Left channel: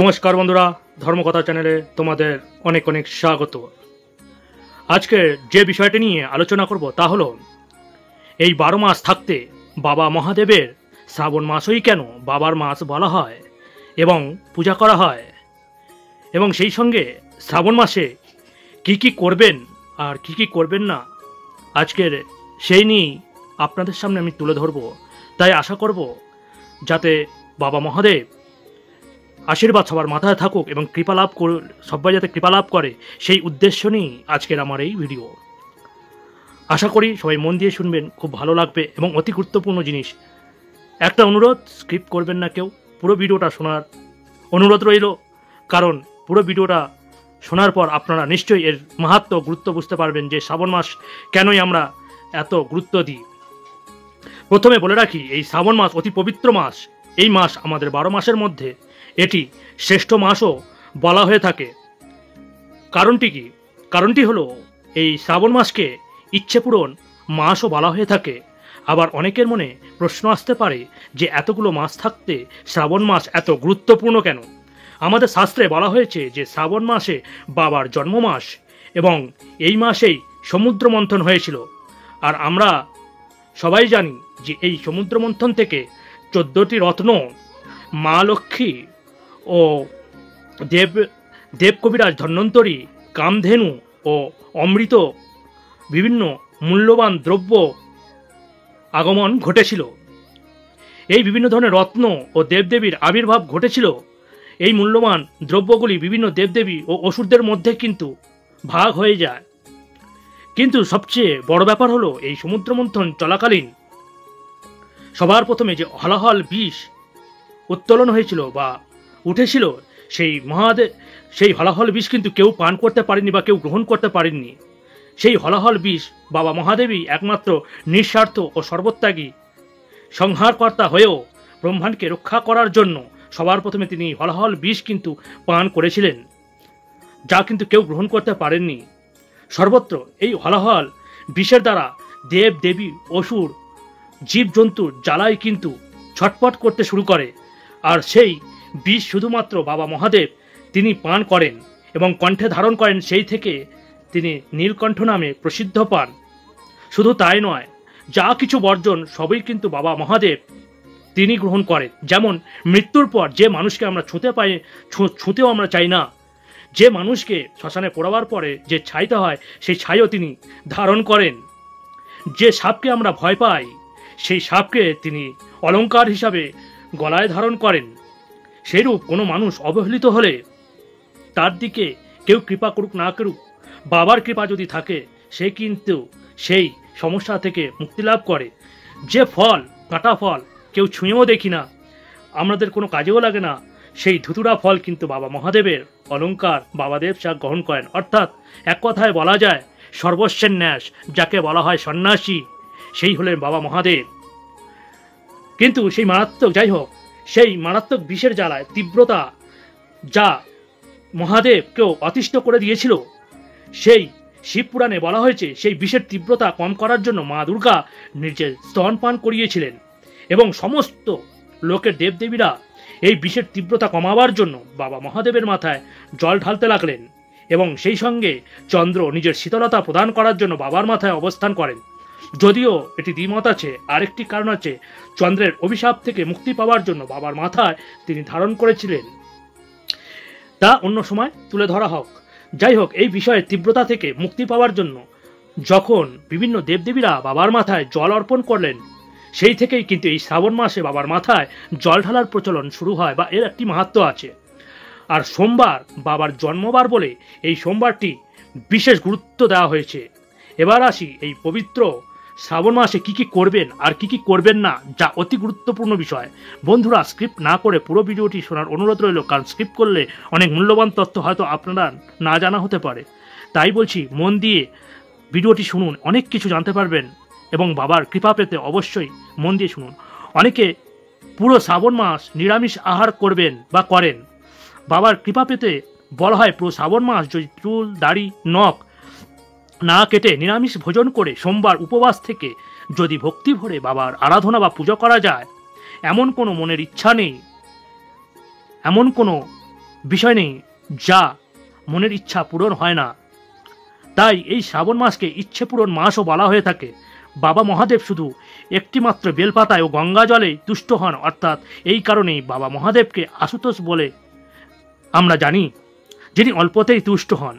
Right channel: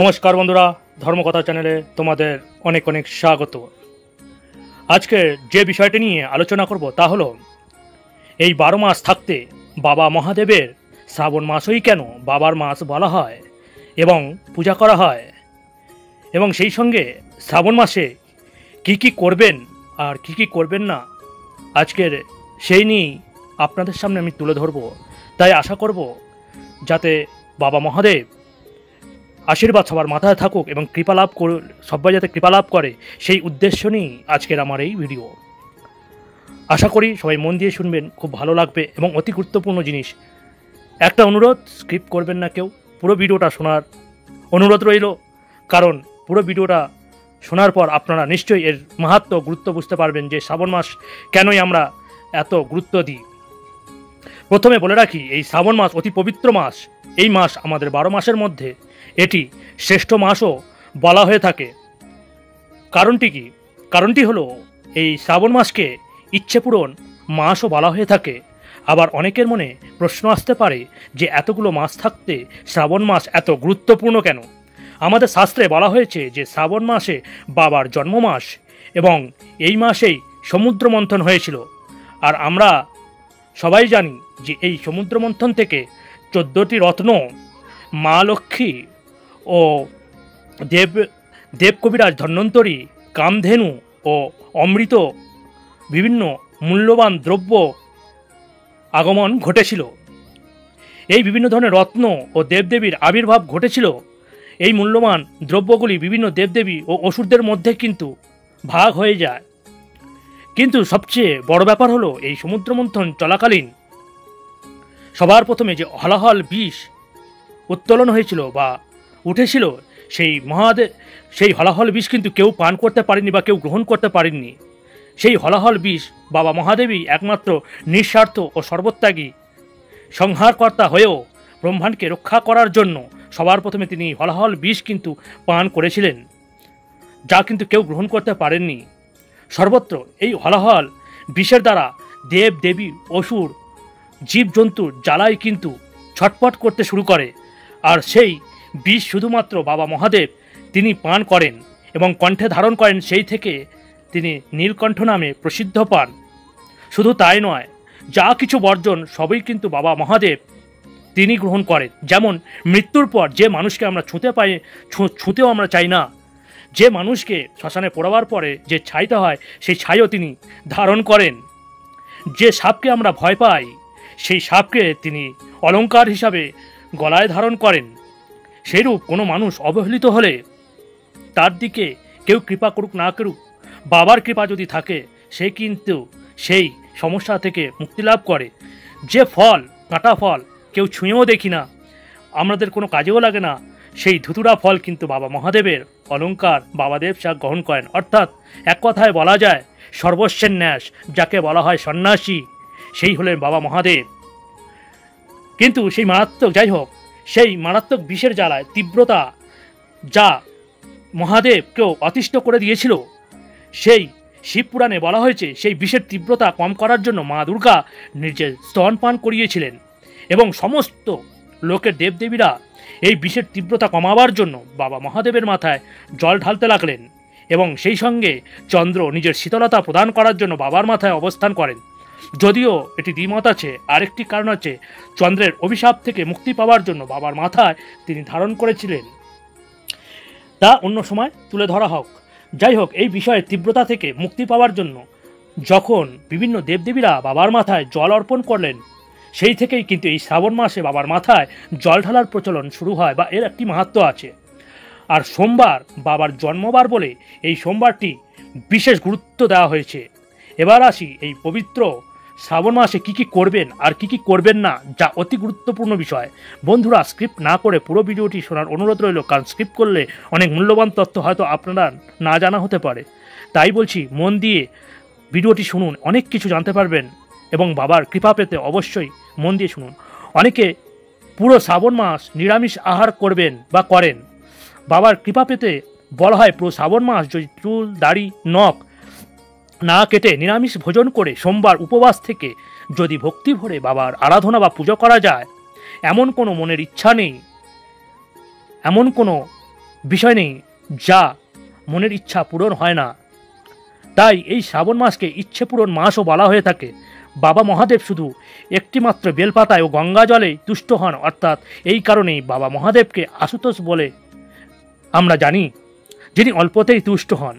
নমস্কার বন্ধুরা, ধর্মকথা চ্যানেলে তোমাদের অনেক অনেক স্বাগত। আজকে যে বিষয়টি নিয়ে আলোচনা করব তা হলো এই 12 মাস থাকতে বাবা মহাদেবের শ্রাবণ মাসই কেন বাবার মাস বলা হয় এবং পূজা করা হয়, এবং সেই সঙ্গে শ্রাবণ মাসে কি কি করবেন আর কি কি করবেন না, আজকের সেই নিয়েই আপনাদের সামনে আমি তুলে ধরব। তাই আশা করব যাতে বাবা মহাদেব আশীর্বাদ সবার মাথায় থাকুক এবং কৃপা লাভ সবাই যাতে কৃপা লাভ করে, সেই উদ্দেশ্য নিয়েই আজকের আমার এই ভিডিও। আশা করি সবাই মন দিয়ে শুনবেন, খুব ভালো লাগবে এবং অতি গুরুত্বপূর্ণ জিনিস। একটা অনুরোধ, স্কিপ করবেন না কেউ, পুরো ভিডিওটা শোনার অনুরোধ রইল, কারণ পুরো ভিডিওটা শোনার পর আপনারা নিশ্চয়ই এর মাহাত্ম্য গুরুত্ব বুঝতে পারবেন যে শ্রাবণ মাস কেনই আমরা এত গুরুত্ব দিই। প্রথমে বলে রাখি, এই শ্রাবণ মাস অতি পবিত্র মাস। এই মাস আমাদের 12 মাসের মধ্যে এটি শ্রেষ্ঠ মাসও বলা হয়ে থাকে। কারণটি কি? কারণটি হলো এই শ্রাবণ মাসকে ইচ্ছে পূরণ মাসও বলা হয়ে থাকে। আবার অনেকের মনে প্রশ্ন আসতে পারে যে এতগুলো মাস থাকতে শ্রাবণ মাস এত গুরুত্বপূর্ণ কেন? আমাদের শাস্ত্রে বলা হয়েছে যে শ্রাবণ মাসে বাবার জন্ম মাস এবং এই মাসেই সমুদ্র মন্থন হয়েছিল। আর আমরা সবাই জানি যে এই সমুদ্র মন্থন থেকে 14টি রত্ন, মা লক্ষ্মী ও দেবকবিরাজ ধন্বন্তরী, কামধেনু ও অমৃত বিভিন্ন মূল্যবান দ্রব্য আগমন ঘটেছিল। এই বিভিন্ন ধরনের রত্ন ও দেবদেবীর আবির্ভাব ঘটেছিল। এই মূল্যবান দ্রব্যগুলি বিভিন্ন দেবদেবী ও অসুরদের মধ্যে কিন্তু ভাগ হয়ে যায়। কিন্তু সবচেয়ে বড় ব্যাপার হলো এই সমুদ্র মন্থন চলাকালীন সবার প্রথমে যে হলাহল বিষ উত্তোলন হয়েছিল বা উঠেছিল, সেই হলাহল বিষ কিন্তু কেউ পান করতে পারেনি বা কেউ গ্রহণ করতে পারেননি। সেই হলাহল বিষ বাবা মহাদেবী একমাত্র নিঃস্বার্থ ও সর্বত্যাগী সংহারকর্তা হয়েও ব্রহ্মাণ্ডকে রক্ষা করার জন্য সবার প্রথমে তিনি হলাহল বিষ কিন্তু পান করেছিলেন, যা কিন্তু কেউ গ্রহণ করতে পারেননি। সর্বত্র এই হলাহল বিষের দ্বারা দেব দেবী, অসুর, জীবজন্তুর জ্বালাই কিন্তু ছটপট করতে শুরু করে। আর সেই বিষ শুধুমাত্র বাবা মহাদেব তিনি পান করেন এবং কণ্ঠে ধারণ করেন, সেই থেকে তিনি নীলকণ্ঠ নামে প্রসিদ্ধ পান। শুধু তাই নয়, যা কিছু বর্জন সবই কিন্তু বাবা মহাদেব তিনি গ্রহণ করেন। যেমন মৃত্যুর পর যে মানুষকে আমরা ছুঁতেও আমরা চাই না, যে মানুষকে শ্মশানে পোড়াবার পরে যে ছাইটা হয় সেই ছাইও তিনি ধারণ করেন। যে সাপকে আমরা ভয় পাই সেই সাপকে তিনি অলংকার হিসাবে গলায় ধারণ করেন। সেইরূপ কোনো মানুষ অবহেলিত হলে তার দিকে কেউ কৃপা করুক না করুক, বাবার কৃপা যদি থাকে সে কিন্তু সেই সমস্যা থেকে মুক্তি লাভ করে। যে ফল, কাঁটা ফল কেউ ছুঁয়েও দেখি না, আমাদের কোনো কাজেও লাগে না, সেই ধুতুরা ফল কিন্তু বাবা মহাদেবের অলংকার বাবাদেব সা গ্রহণ করেন। অর্থাৎ এক কথায় বলা যায় সর্বস্বের ন্যাস, যাকে বলা হয় সন্ন্যাসী, সেই হলেন বাবা মহাদেব। কিন্তু সেই মারাত্মক, যাই হোক, সেই মারাত্মক বিষের জ্বালায় তীব্রতা যা মহাদেবকেও অতিষ্ঠ করে দিয়েছিল, সেই শিবপুরাণে বলা হয়েছে সেই বিষের তীব্রতা কম করার জন্য মা দুর্গা নিজে স্তনপান করিয়েছিলেন এবং সমস্ত লোকের দেবদেবীরা এই বিষের তীব্রতা কমাবার জন্য বাবা মহাদেবের মাথায় জল ঢালতে লাগলেন এবং সেই সঙ্গে চন্দ্র নিজের শীতলতা প্রদান করার জন্য বাবার মাথায় অবস্থান করেন। যদিও এটি দ্বিমত আছে, আরেকটি কারণ আছে, চন্দ্রের অভিশাপ থেকে মুক্তি পাওয়ার জন্য বাবার মাথায় তিনি ধারণ করেছিলেন, তা অন্য সময় তুলে ধরা হোক। যাই হোক, এই বিষয়ের তীব্রতা থেকে মুক্তি পাওয়ার জন্য যখন বিভিন্ন দেবদেবীরা বাবার মাথায় জল অর্পণ করলেন, সেই থেকেই কিন্তু এই শ্রাবণ মাসে বাবার মাথায় জল ঢালার প্রচলন শুরু হয় বা এর একটি মাহাত্ম্য আছে। আর সোমবার বাবার জন্মবার বলে এই সোমবারটি বিশেষ গুরুত্ব দেওয়া হয়েছে। এবার আসি এই পবিত্র শ্রাবণ মাসে কি কি করবেন আর কি কি করবেন না, যা অতি গুরুত্বপূর্ণ বিষয়। বন্ধুরা, স্ক্রিপ্ট না করে পুরো ভিডিওটি শোনার অনুরোধ রইল, কারণ স্ক্রিপ্ট করলে অনেক মূল্যবান তথ্য হয়তো আপনারা না জানা হতে পারে। তাই বলছি, মন দিয়ে ভিডিওটি শুনুন, অনেক কিছু জানতে পারবেন এবং বাবার কৃপা পেতে অবশ্যই মন দিয়ে শুনুন। অনেকে পুরো শ্রাবণ মাস নিরামিষ আহার করবেন বা করেন। বাবার কৃপা পেতে বলা হয় পুরো শ্রাবণ মাস যদি চুল, দাড়ি, নখ না কেটে নিরামিষ ভোজন করে সোমবার উপবাস থেকে যদি ভক্তি ভরে বাবার আরাধনা বা পুজো করা যায়, এমন কোনো মনের ইচ্ছা নেই, এমন কোনো বিষয় নেই যা মনের ইচ্ছা পূরণ হয় না। তাই এই শ্রাবণ মাসকে ইচ্ছে পূরণ মাসও বলা হয়ে থাকে। বাবা মহাদেব শুধু একটিমাত্র বেলপাতায় ও গঙ্গা জলে তুষ্ট হন, অর্থাৎ এই কারণেই বাবা মহাদেবকে আশুতোষ বলে আমরা জানি, যিনি অল্পতেই তুষ্ট হন।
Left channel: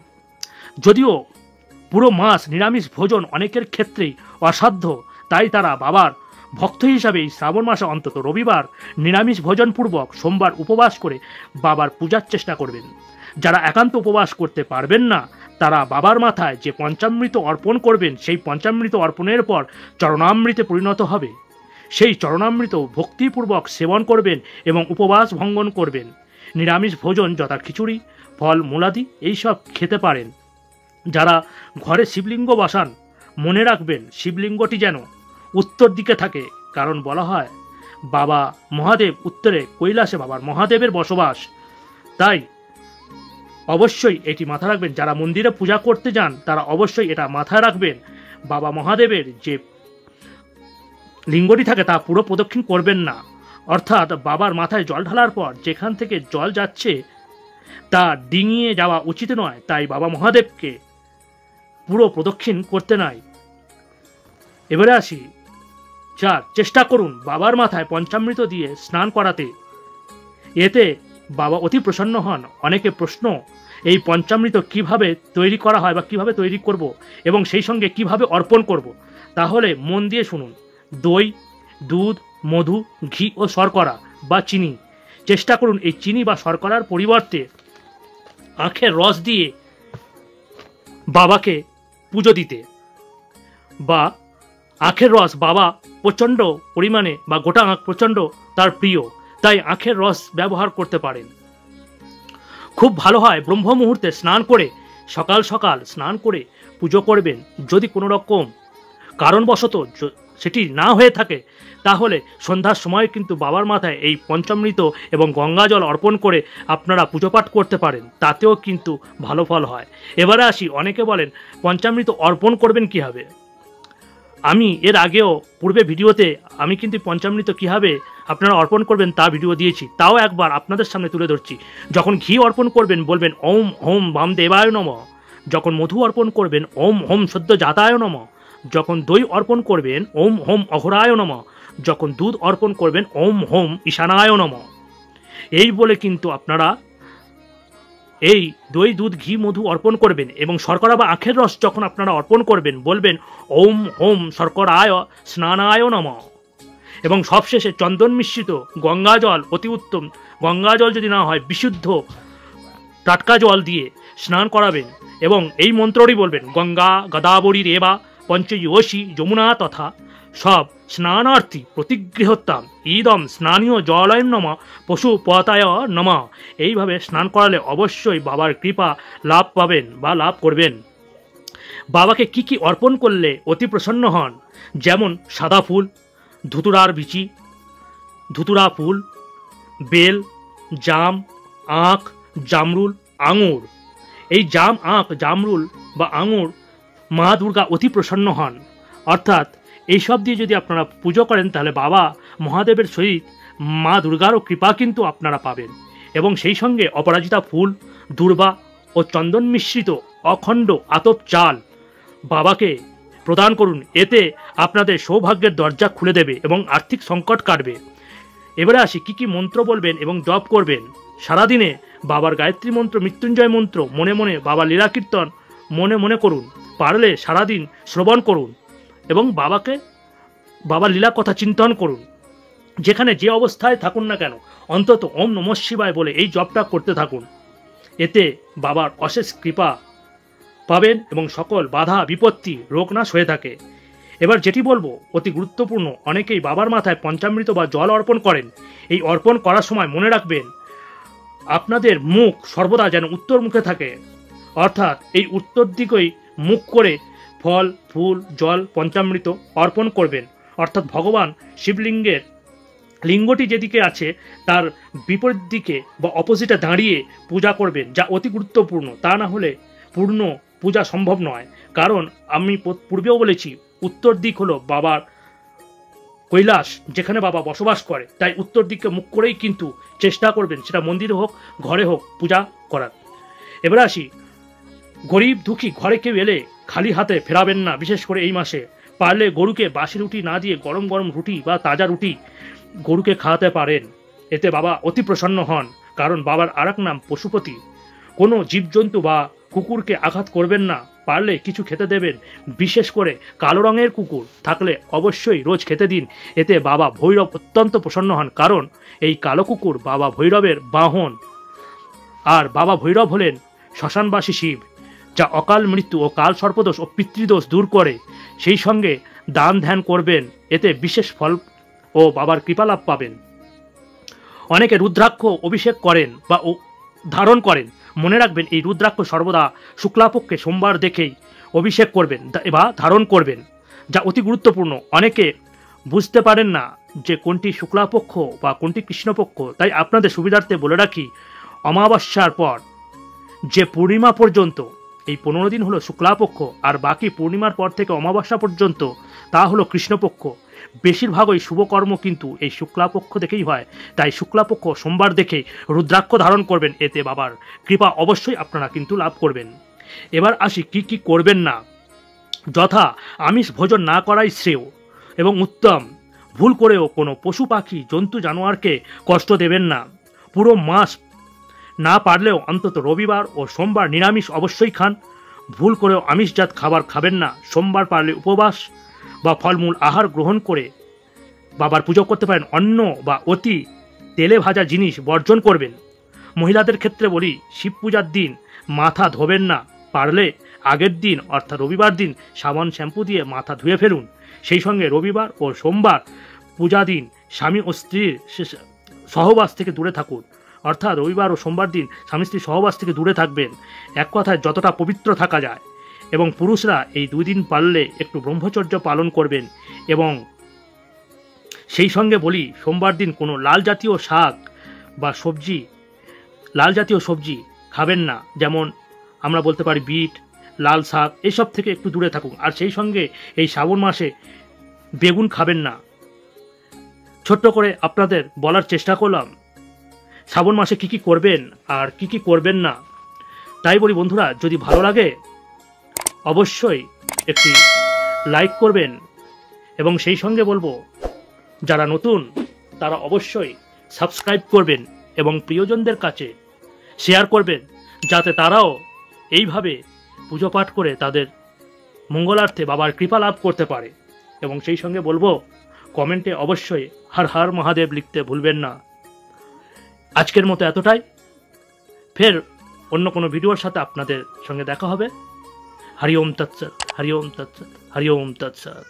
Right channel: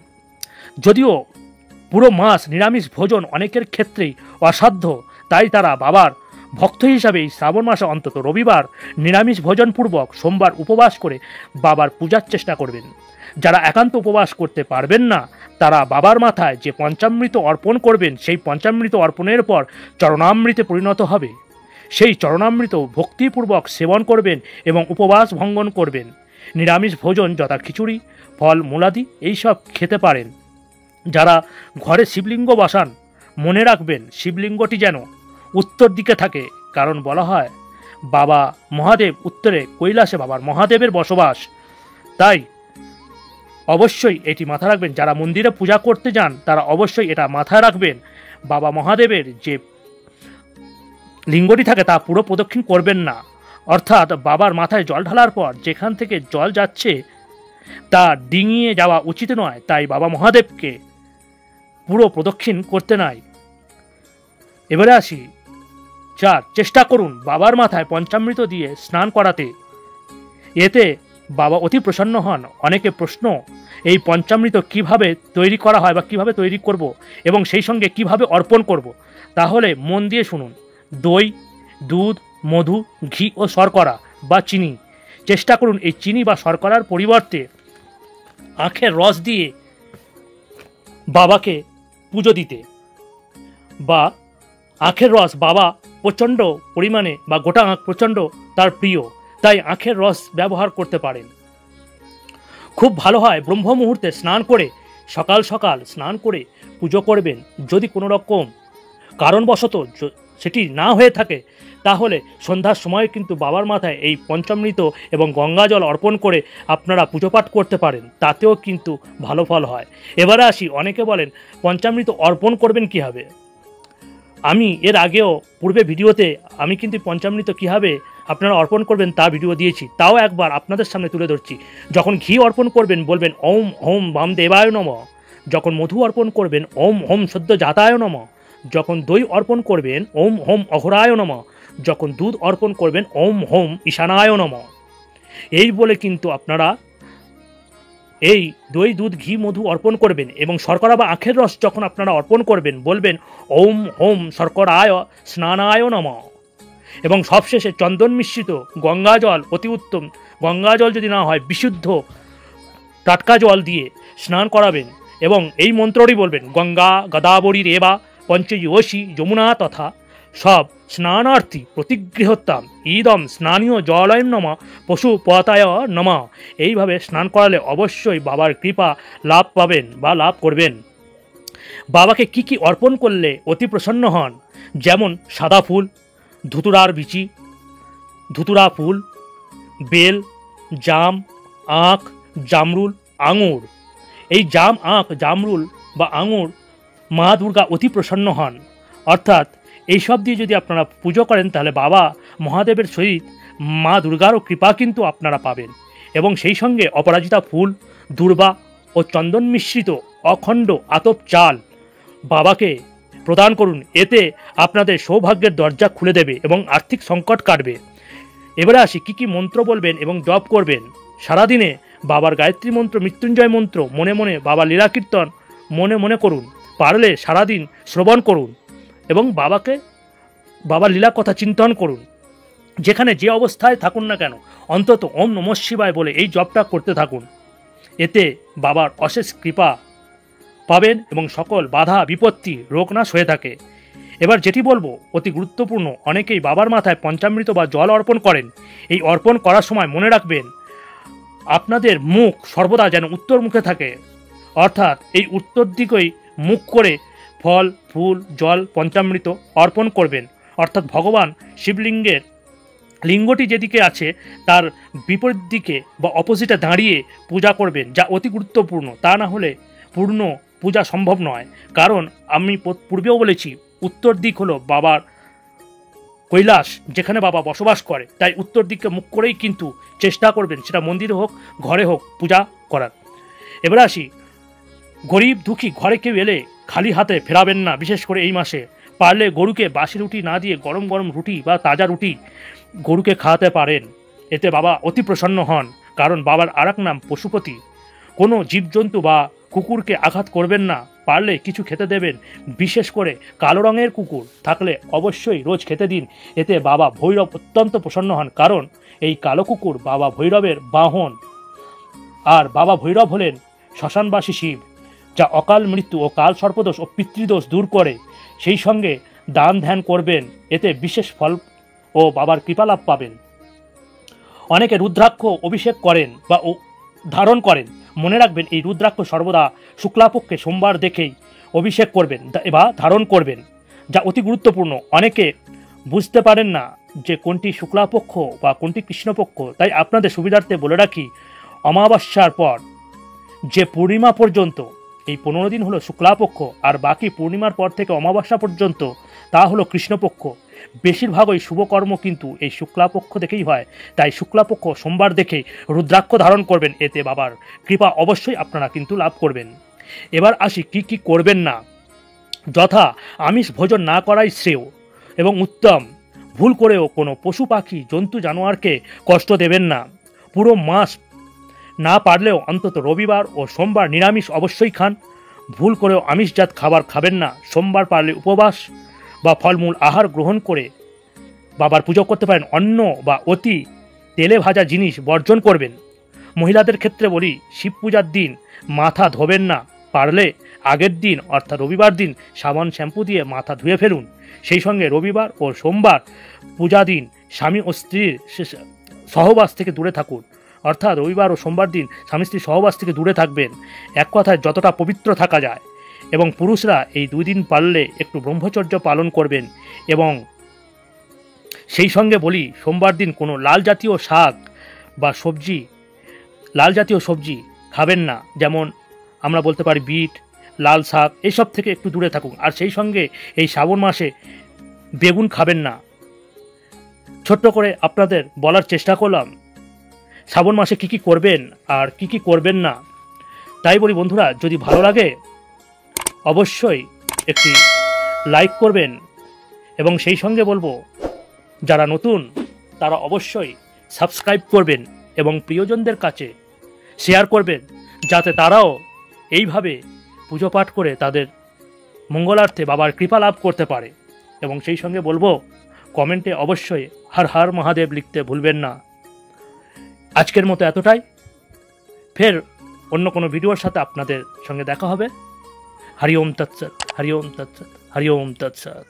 যদিও পুরো মাস নিরামিষ ভোজন অনেকের ক্ষেত্রেই অসাধ্য, তাই তারা বাবার ভক্ত হিসাবে এই শ্রাবণ মাসে অন্তত রবিবার নিরামিষ ভোজনপূর্বক সোমবার উপবাস করে বাবার পূজার চেষ্টা করবেন। যারা একান্ত উপবাস করতে পারবেন না, তারা বাবার মাথায় যে পঞ্চামৃত অর্পণ করবেন, সেই পঞ্চামৃত অর্পণের পর চরণামৃতে পরিণত হবে। সেই চরণামৃত ভক্তিপূর্বক সেবন করবেন এবং উপবাস ভঙ্গন করবেন। নিরামিষ ভোজন যথা খিচুড়ি, ফল মূলাদি এইসব খেতে পারেন। যারা ঘরে শিবলিঙ্গ বসান, মনে রাখবেন শিবলিঙ্গটি যেন উত্তর দিকে থাকে, কারণ বলা হয় বাবা মহাদেব উত্তরে, কৈলাসে বাবার মহাদেবের বসবাস। তাই অবশ্যই এটি মাথায় রাখবেন। যারা মন্দিরে পূজা করতে যান তারা অবশ্যই এটা মাথায় রাখবেন, বাবা মহাদেবের যে লিঙ্গটি থাকে তা পুরো প্রদক্ষিণ করবেন না। অর্থাৎ বাবার মাথায় জল ঢালার পর যেখান থেকে জল যাচ্ছে তা ডিঙিয়ে যাওয়া উচিত নয়। তাই বাবা মহাদেবকে পুরো প্রদক্ষিণ করতে নাই। এবারে আসি 4, চেষ্টা করুন বাবার মাথায় পঞ্চামৃত দিয়ে স্নান করাতে। এতে বাবা অতি প্রসন্ন হন। অনেকে প্রশ্ন, এই পঞ্চামৃত কিভাবে তৈরি করা হয় বা কিভাবে তৈরি করব এবং সেই সঙ্গে কিভাবে অর্পণ করব, তাহলে মন দিয়ে শুনুন। দই, দুধ, মধু, ঘি ও শর্করা বা চিনি। চেষ্টা করুন এই চিনি বা শর্করার পরিবর্তে আখের রস দিয়ে বাবাকে পুজো দিতে। বা আখের রস বাবা প্রচণ্ড পরিমাণে বা গোটা আখ প্রচণ্ড তার প্রিয়, তাই আখের রস ব্যবহার করতে পারেন। খুব ভালো হয় ব্রহ্ম মুহূর্তে স্নান করে, সকাল সকাল স্নান করে পুজো করবেন। যদি কোনো রকম কারণবশত সেটি না হয়ে থাকে, তাহলে সন্ধ্যার সময় কিন্তু বাবার মাথায় এই পঞ্চামৃত এবং গঙ্গা জল অর্পণ করে আপনারা পুজো পাঠ করতে পারেন, তাতেও কিন্তু ভালো ফল হয়। এবারে আসি, অনেকে বলেন পঞ্চামৃত অর্পণ করবেন কীভাবে। আমি এর আগেও পূর্বে ভিডিওতে আমি কিন্তু পঞ্চামৃত কীভাবে আপনারা অর্পণ করবেন তা ভিডিও দিয়েছি, তাও একবার আপনাদের সামনে তুলে ধরছি। যখন ঘি অর্পণ করবেন বলবেন ওম হোম বামদেবায় নমঃ। যখন মধু অর্পণ করবেন ওম হোম সদ্য জাতায় নমঃ। যখন দই অর্পণ করবেন ওম হোম অঘরায় নমঃ। যখন দুধ অর্পণ করবেন ওম হোম ঈশানায় নমঃ। এই বলে কিন্তু আপনারা এই দই, দুধ, ঘি, মধু অর্পণ করবেন। এবং শর্করা বা আখের রস যখন আপনারা অর্পণ করবেন বলবেন ওম হোম শর্করায় স্নানায় নমঃ। এবং সবশেষে চন্দন মিশ্রিত গঙ্গা জল, অতি উত্তম গঙ্গা জল যদি না হয় বিশুদ্ধ টাটকা জল দিয়ে স্নান করাবেন এবং এই মন্ত্রটি বলবেন গঙ্গা গদাবরী রেবা পঞ্চয়োষী যমুনা তথা সব স্নানার্থী প্রতিগৃহত্তাম ইদম স্নানীয় জলয় নমঃ পশুপতায় নমঃ। এইভাবে স্নান করালে অবশ্যই বাবার কৃপা লাভ পাবেন বা লাভ করবেন। বাবাকে কি কি অর্পণ করলে অতি প্রসন্ন হন, যেমন সাদা ফুল, ধুতুরার বিচি, ধুতুরা ফুল, বেল, জাম, আখ, জামরুল, আঙুর। এই জাম, আখ, জামরুল বা আঙুর মা দুর্গা অতি প্রসন্ন হন। অর্থাৎ এইসব দিয়ে যদি আপনারা পুজো করেন তাহলে বাবা মহাদেবের সহিত মা দুর্গারও কৃপা কিন্তু আপনারা পাবেন। এবং সেই সঙ্গে অপরাজিতা ফুল, দূর্বা ও চন্দন মিশ্রিত অখণ্ড আতপ চাল বাবাকে প্রদান করুন। এতে আপনাদের সৌভাগ্যের দরজা খুলে দেবে এবং আর্থিক সংকট কাটবে। এবারে আসি কি কি মন্ত্র বলবেন এবং জপ করবেন। সারাদিনে বাবার গায়ত্রী মন্ত্র, মৃত্যুঞ্জয় মন্ত্র মনে মনে, বাবার লীলা কীর্তন মনে মনে করুন। পারলে সারাদিন শ্রবণ করুন এবং বাবার লীলা কথা চিন্তন করুন। যেখানে যে অবস্থায় থাকুন না কেন অন্তত ওম নমঃ শিবায় বলে এই জপটা করতে থাকুন। এতে বাবার অশেষ কৃপা পাবেন এবং সকল বাধা বিপত্তি রোগনাশ হয়ে থাকে। এবার যেটি বলবো অতি গুরুত্বপূর্ণ, অনেকেই বাবার মাথায় পঞ্চামৃত বা জল অর্পণ করেন। এই অর্পণ করার সময় মনে রাখবেন আপনাদের মুখ সর্বদা যেন উত্তর মুখে থাকে, অর্থাৎ এই উত্তর দিকেই মুখ করে ফল, ফুল, জল, পঞ্চামৃত অর্পণ করবেন। অর্থাৎ ভগবান শিবলিঙ্গের লিঙ্গটি যেদিকে আছে তার বিপরীত দিকে বা অপোজিটে দাঁড়িয়ে পূজা করবেন, যা অতি গুরুত্বপূর্ণ। তা না হলে পূর্ণ পূজা সম্ভব নয়। কারণ আমি পূর্বেও বলেছি উত্তর দিক হলো বাবার কৈলাস যেখানে বাবা বসবাস করে, তাই উত্তর দিকে মুখ করেই কিন্তু চেষ্টা করবেন, সেটা মন্দিরে হোক ঘরে হোক, পূজা করার। এবার আসি, গরিব দুঃখী ঘরে কেউ এলে খালি হাতে ফেরাবেন না। বিশেষ করে এই মাসে পারলে গরুকে বাসি রুটি না দিয়ে গরম গরম রুটি বা তাজা রুটি গরুকে খাওয়াতে পারেন, এতে বাবা অতি প্রসন্ন হন। কারণ বাবার আর এক নাম পশুপতি। কোনো জীবজন্তু বা কুকুরকে আঘাত করবেন না, পারলে কিছু খেতে দেবেন। বিশেষ করে কালো রঙের কুকুর থাকলে অবশ্যই রোজ খেতে দিন, এতে বাবা ভৈরব অত্যন্ত প্রসন্ন হন। কারণ এই কালো কুকুর বাবা ভৈরবের বাহন, আর বাবা ভৈরব হলেন শ্মশানবাসী শিব, যা অকাল মৃত্যু ও কাল সর্পদোষ ও পিতৃদোষ দূর করে। সেই সঙ্গে দান ধ্যান করবেন, এতে বিশেষ ফল ও বাবার কৃপালাভ পাবেন। অনেকে রুদ্রাক্ষ অভিষেক করেন বা ধারণ করেন। মনে রাখবেন, এই রুদ্রাক্ষ সর্বদা শুক্লাপক্ষে সোমবার দেখেই অভিষেক করবেন বা ধারণ করবেন, যা অতি গুরুত্বপূর্ণ। অনেকে বুঝতে পারেন না যে কোনটি শুক্লাপক্ষ বা কোনটি কৃষ্ণপক্ষ, তাই আপনাদের সুবিধার্থে বলে রাখি, অমাবস্যার পর যে পূর্ণিমা পর্যন্ত, এই 15 দিন হলো শুক্লাপক্ষ, আর বাকি পূর্ণিমার পর থেকে অমাবস্যা পর্যন্ত তা হলো কৃষ্ণপক্ষ। বেশিরভাগই শুভকর্ম কিন্তু এই শুক্লাপক্ষ দেখেই হয়, তাই শুক্লাপক্ষ সোমবার দেখে রুদ্রাক্ষ ধারণ করবেন, এতে বাবার কৃপা অবশ্যই আপনারা কিন্তু লাভ করবেন। এবার আসি কি কি করবেন না। যথা, আমিষ ভোজন না করাই শ্রেয় এবং উত্তম। ভুল করেও কোনো পশু পাখি জন্তু জানোয়ারকে কষ্ট দেবেন না। পুরো মাস না পারলেও অন্তত রবিবার ও সোমবার নিরামিষ অবশ্যই খান। ভুল করেও আমিষজাত খাবার খাবেন না। সোমবার পারলে উপবাস বা ফলমূল আহার গ্রহণ করে বাবার পুজো করতে পারেন। অন্ন বা অতি তেলে ভাজা জিনিস বর্জন করবেন। মহিলাদের ক্ষেত্রে বলি, শিব পূজার দিন মাথা ধোবেন না। পারলে আগের দিন অর্থাৎ রবিবার দিন সাবান শ্যাম্পু দিয়ে মাথা ধুয়ে ফেলুন। সেই সঙ্গে রবিবার ও সোমবার পূজা দিন স্বামী ও স্ত্রীর সহবাস থেকে দূরে থাকুন। অর্থাৎ রবিবার ও সোমবার দিন স্বামী স্ত্রী সহবাস থেকে দূরে থাকবেন। এক কথায় যতটা পবিত্র থাকা যায়। এবং পুরুষরা এই 2 দিন পারলে একটু ব্রহ্মচর্য পালন করবেন। এবং সেই সঙ্গে বলি, সোমবার দিন কোনো লাল জাতীয় শাক বা সবজি, লাল জাতীয় সবজি খাবেন না। যেমন আমরা বলতে পারি বিট, লাল শাক, এসব থেকে একটু দূরে থাকুন। আর সেই সঙ্গে এই শ্রাবণ মাসে বেগুন খাবেন না। ছোট্ট করে আপনাদের বলার চেষ্টা করলাম শ্রাবণ মাসে কি কি করবেন আর কি কি করবেন না। তাই বলি বন্ধুরা, যদি ভালো লাগে অবশ্যই একটি লাইক করবেন, এবং সেই সঙ্গে বলবো যারা নতুন তারা অবশ্যই সাবস্ক্রাইব করবেন এবং প্রিয়জনদের কাছে শেয়ার করবেন, যাতে তারাও এইভাবে পুজো পাঠ করে তাদের মঙ্গলার্থে বাবার কৃপা লাভ করতে পারে। এবং সেই সঙ্গে বলবো, কমেন্টে অবশ্যই হর হর মহাদেব লিখতে ভুলবেন না। আজকের মতো এতটাই। ফের অন্য কোনো ভিডিওর সাথে আপনাদের সঙ্গে দেখা হবে। হরি ওম তৎসৎ, হরি ওম তৎসৎ, হরি ওম তৎসৎ।